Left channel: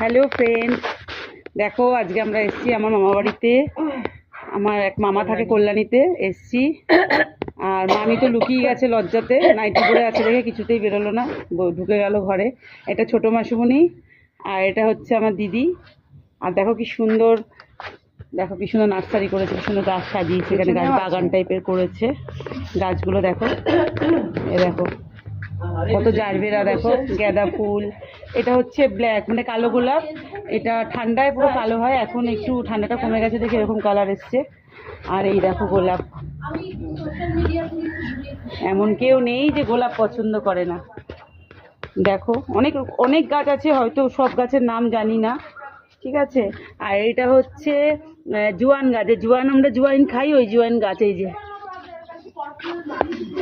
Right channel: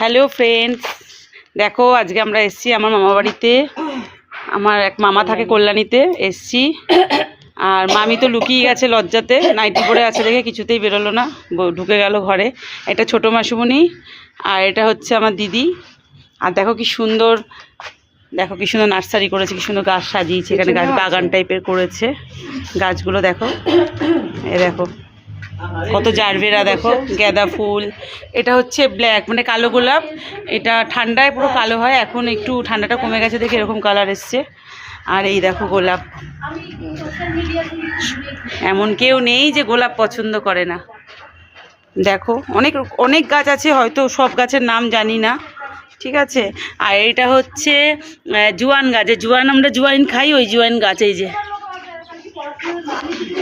Hello friends, দেখো আজকে আমরা এসছি আমার মামা বাড়িতে। আমার এক মামা থাকে কল্যাণীতে, এসছি। আর মামি তো লুকিয়ে গেছে লজ্জাতে, নাইটি পরে আছে দেখে কিছুতেই বেরোলো না, ঢুকে গেল ঘরে। এটা ছোটো মাসুমণি আর এটা হচ্ছে আমার দিদি। আর দেখো কি সুন্দর, দেখো কি সুন্দর নার্সারি করেছে, কি সুন্দর গাছ সাজিয়েছে, এখানে গাছ বাগান টাইপের করেছে। গাছগুলো দেখো, এ দেখো কত জারবেরা, দেখো গাঁদা ফুল। এটা হচ্ছে ব্ল্যাক মানে কালো গোলাপ, এটা ঠান্ডায় পুরো কালো হয়, এখন একটু ঠান্ডাটা কমে গেছে দেখে এরকম কালার এসছে। আর এই দেখো গোলাপ, এমন কেউ নেই যে গোলাপ পছন্দ করে না। দেখো অনেক অনেক গাছ আছে, হয়তো সব গাছের নাম জানি না, ঠিক আছে। আর এটা হচ্ছে জোয়ান গাছ, জোয়ান আমরা জোয়াইন খাই, ওই জোয়াইন গাছ।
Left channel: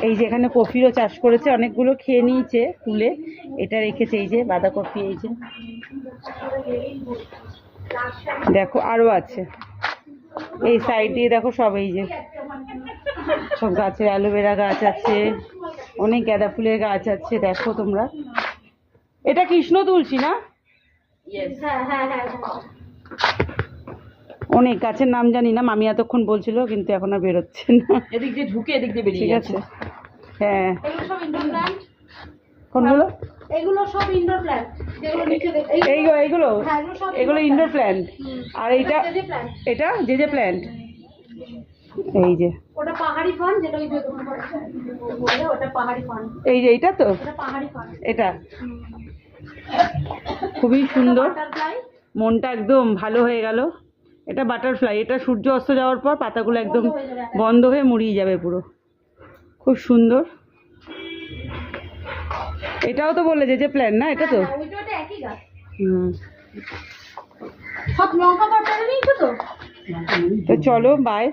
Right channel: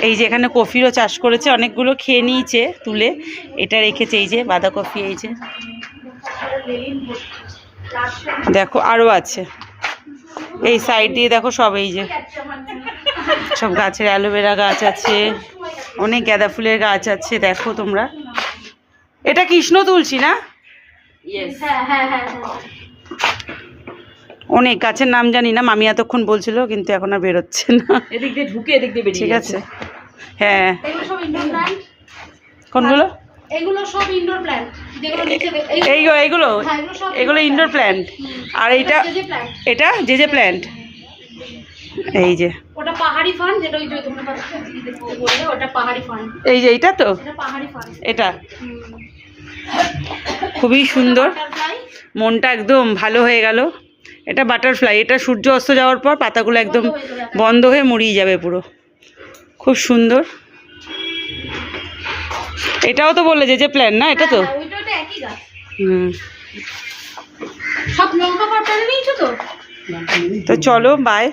এই যে এখানে কফিরও চাষ করেছে, অনেকগুলো খেয়ে নিয়েছে তুলে, এটা রেখেছে। এই যে বাঁধাকপি, এই যে দেখো আরও আছে এই সাইড দিয়ে, দেখো সব এই যে সব গাছের অ্যালোভেরা গাছ আছে, অনেক গাঁদা ফুলের গাছ আছে। দেখো তোমরা, এটা কৃষ্ণ তুলসী না? অনেক গাছের নাম জানি না, মামি এতক্ষণ বলছিল কিন্তু এখন আর বেরোচ্ছে না। এদিক দিয়ে ঢুকে এদিক দিয়ে বেরিয়ে, ঠিক আছে। হ্যাঁ, কোনগুলো? এগুলো সব ইনডোর প্ল্যান্ট, যেগুলো নিচে এইগুলো এগুলো ইনডোর প্ল্যান্ট। আর এইটা এটা যে প্ল্যান্ট, এই যে ওটা পাহাড়ি ফান, যেটা ওই যে তোমরা বললে ওটা পাহাড়ি ফান। এই যে এইটা তো এটা পাহাড়ি ফান, এটা খুবই সুন্দর, মনটা একদম ভালো হয়ে গেল। এটা বাটারফ্লাই, এটা সূর্য অস্ত যাওয়ার পর পাতাগুলো একদম বন্ধ হয়ে মুড়িয়ে যাবে পুরো, খুব সুন্দর। এটাও তো বললে যে প্ল্যান না, এটা তো ওইটা একই গাছ। সব লঙ্কা পাতা নিয়েছো তো? তো চলো বাই।